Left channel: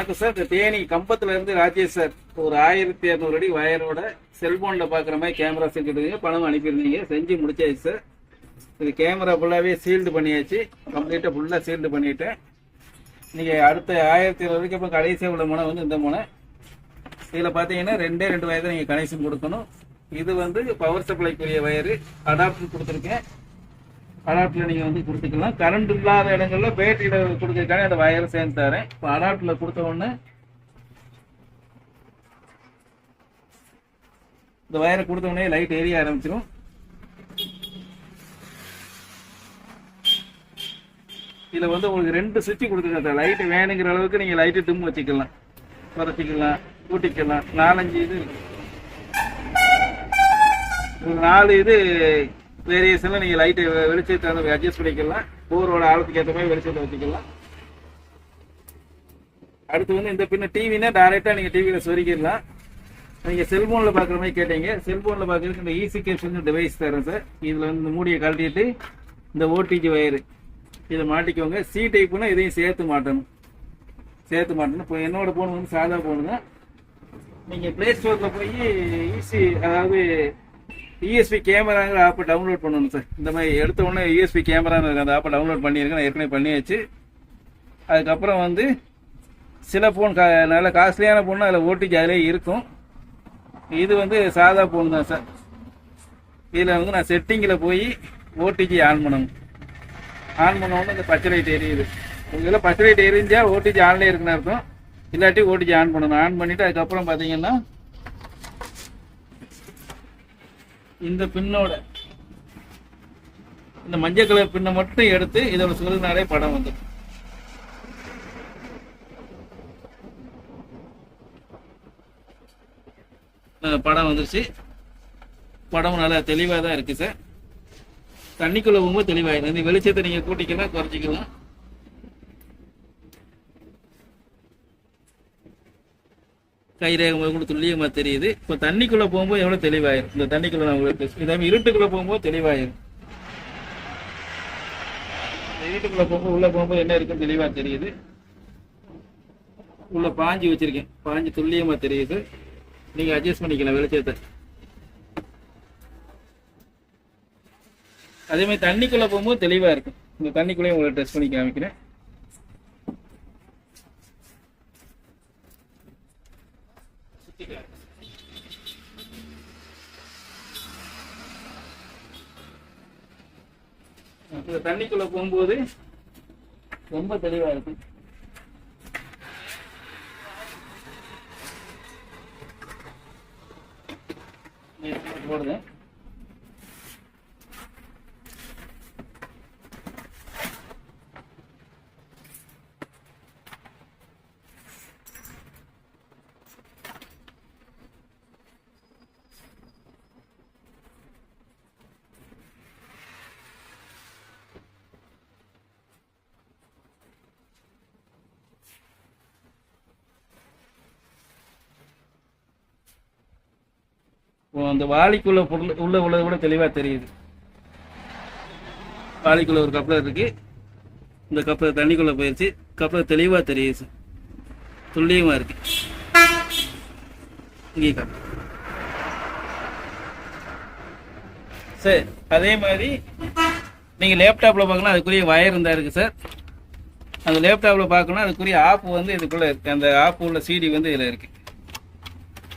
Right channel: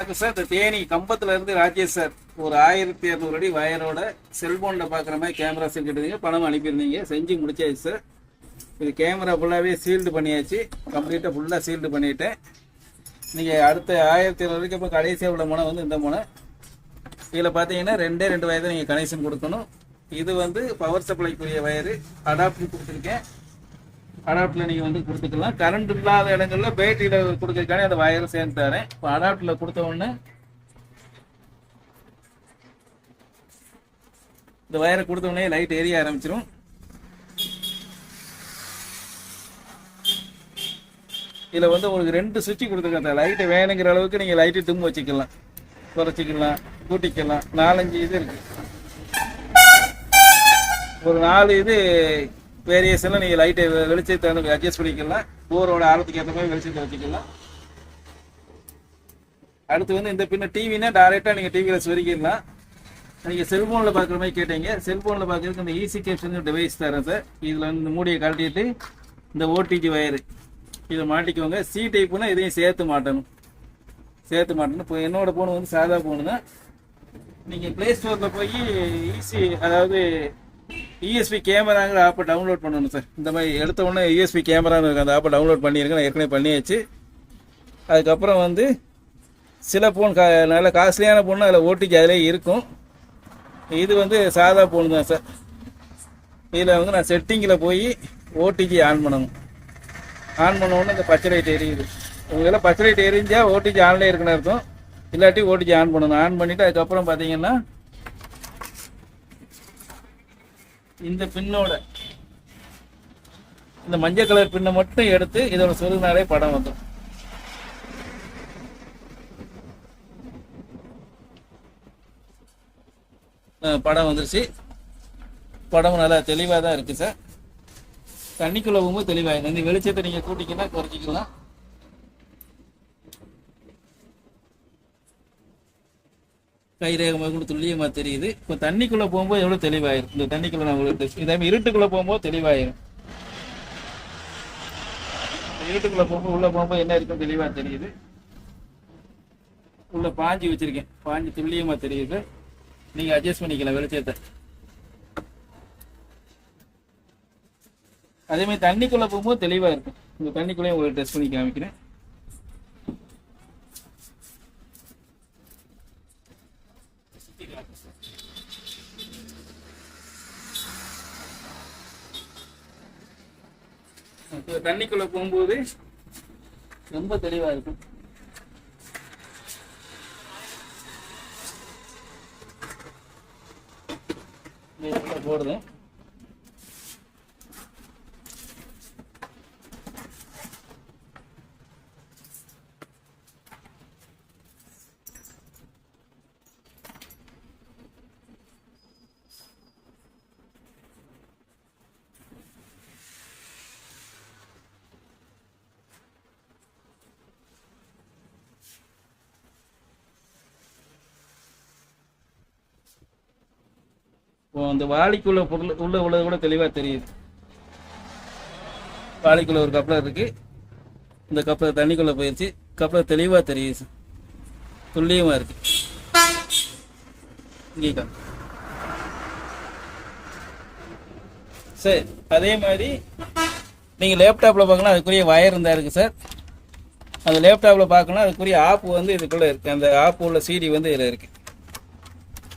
வணக்கம் சார். இந்த தேனி கம்பத்துல இருந்து ராஜேஷ் சார் ஒரு 1200 அடி வயரோட செல்போன்ல பாக்குற மாதிரி கேமரா செஞ்சுருந்தீங்க, பணம் அனுப்பியிருந்தீங்க, செஞ்சு முடிச்சாச்சு சார். இது கேமரா ஃபுல்லாவே சீல்டு பண்ணியாச்சு, கம்ப்ளீட்டா ஃபுல்லா சீல்டு பண்ணிட்டேன். நீங்க அடுத்த 1200 வரைக்கும் அப்புறம் கடைசியாக உள்ள முனை வந்து இந்த முனை. இதில் பார்த்தீங்கன்னா 2 வயதை நீங்கள் கனெக்ஷன் கொடுக்கணும். இது வந்து பவர் சப்ளைக்குரிய வயரு, அடாப்டர் கொடுத்துருக்கேன். அடாப்டரில் நீங்கள் வந்து கொடுத்துக்கலாம். கரண்ட் இல்லாத இடங்களில் பேட்டரியில் கொடுக்கறதுக்கான அந்த வயரை சேர்ந்து தரேன். இப்போ அடாப்டரில் கொடுத்த உடனே இந்த வயரை கொடுத்த உடனே லைட் எரிய ஆரம்பிச்சிடும். இதில் வந்து உங்களுக்கு 2 சுவிட்ச் கொடுத்துருக்கேன் சார். லைட்டு வேணுங்கிற அளவுக்கு நீங்கள் லைட்டு தும்பு வச்சுக்கலாம், குறைச்சிக்கலாம், கூட்டிக்கலாம். 4-5 இது இருக்குது. ஒரு 4 இது வேரியேஷனில் நீங்கள் லைட்டை வெளிச்சத்தை வந்து அட்ஜஸ்ட் பண்ணிக்கலாம். போரோட ஆழத்துக்கு ஏற்ற மாதிரி வெளிச்சத்தை வச்சுக்கலாம். அடுத்து வந்து இந்த பின்ன டிவினா டைரெக்டாக நீங்கள் டிவியில் சொருக்கிடலாம். நீங்கள் செல்ஃபோனில் பார்க்குற மாதிரி கேட்டீங்க. செல்ஃபோனில் பார்க்குறதுக்கு இந்த ஈஸி கேப்ஷன் டிவைஸ் தரேன் சார். இதில் வந்து இந்த மூடியை கழட்டிட்டு இந்த ஓடிஜி வயரு இதை மாட்டிக்கோங்க. சி டைப்புனா இதையும் சேர்த்து மாட்டணும். இப்போ என்னோட ஃபோன் வந்து சாதா ஃபோனு தான். நீங்கள் ப்ளே ஸ்டோரில் போய் ஈஸி, அதாவது யூஎஸ்பி கேமராங்கிற ஆப்பை டவுன்லோட் பண்ணணும் சார். இந்த மாதிரி எடுத்த உடனே யூஎஸ்பி கேமராங்கிற அந்த ஆப்பை டவுன்லோட் பண்ணியிருக்கேன், நான் ஏற்கனவே பண்ணியாச்சு. அதுக்கப்புறம் வந்து சில ஃபோன் நல்ல காஸ்ட்லியான ஃபோன் அதில் ஓடிஜி அதிலே இருக்கும். இது வந்து சாதா ஃபோன் தான் சார். இதில் வந்து நான் செட்டிங்கில் போய் ஓடிஜி ஆன் பண்ணணும். ஆன் பண்ண உடனே இந்த பச்சை லைட் எரியுது. உங்களெல்லாம் பச்சை லைட் எரிஞ்சால் ஓடிஜி ஆன்லேயே இருக்குன்னு இருக்கும். இல்லாட்டி ஓடிஜி ஆன் பண்ணணும். ஆன் பண்ணிவிட்டு அதுக்கப்புறம் பார்த்தீங்கன்னா இந்த பின்னோட இந்த மஞ்சள் கலர் பின்னை மட்டும் எடுத்து இதோட சொருகினாலே படம் வந்துடும். படம் வந்துருச்சு. படம் நல்லா தெளிவாக தான் இருக்குது சார். தண்ணிக்குள்ள போகும்போது தெளிவாயிடும். இந்த வெளிச்சத்தை நீங்கள் கூட்டிக்கலாம், குறைச்சிக்கலாம். கைரேகமாக கூட துல்லியமாக தெரியுது. இப்போ தண்ணிக்குள்ளே போகும்போது எவ்வளோ தெளிவாயிரும். இந்த தண்ணிக்குள்ளே நான் உங்களுக்கு இதாமல் இருட்டுக்குள்ளே போகும்போது தெளிவாயிரும். இருட்டுக்குள்ளே போகும்போது உள்ளே போகும்போது என்ன இருக்குன்னு தெளிவாக தெரியுது. உள்ள பாஞ்சி வச்சுருக்கேன், பாஞ்சி துல்லியமாக தெரியுது. நீங்கள் அட்ஜஸ்ட் பண்ணிக்கலாம் வெளிச்சத்தை. அதே மாதிரி தண்ணிக்குள்ளே போகும்போது தெளிவாக இருக்கும். இந்த தண்ணிக்குள்ளேயும் உங்களை டெஸ்ட் பண்ணி காமிக்கிறேன். தண்ணிக்குள்ள போகும்போது ரொம்ப தெளிவா இருக்கும். போடுறேன். அந்த வாளிக்குள்ள பொருள் உள்ள உள்ளது கூட தெளிவா தெரியுது. வாளிக்குள்ள ஒரு கப்ளர் இருக்கு. இந்த கப்ளர் தண்ணிக்குள்ள போயிடுச்சு. கப்ளர் தெளிவா தெரியுது, துல்லியமா இருக்கு. இங்கே சரி. அதே மாதிரி நீங்க லேப்டாப்ல பார்க்கலாம், அதுக்குரிய வயர் இருந்தா இருக்கு சார். அந்த லேப்டாப்ல பார்க்கணும், அதுக்குரிய ஆப் வந்து இதுக்குள்ள இருக்கு. அந்த ஆப் உள்ள சிடி வந்து இதில் இருக்கு.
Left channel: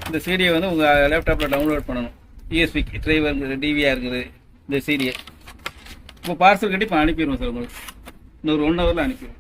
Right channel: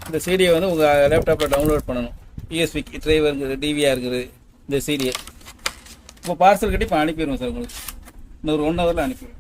இந்த சிடியை வந்து உங்கள் லேப்டாப்பில் டவுன்லோட் பண்ணணும். யூஎஸ்பி டிரைவர் இருக்குது, டிவியாக இருக்குது. இந்த சிடியை இப்போ பார்சல் கட்டி இப்போ அனுப்பிடுவோம் சார். உங்களுக்கு இன்னொரு 1 ஹவரில் அனுப்பிடுவோம்.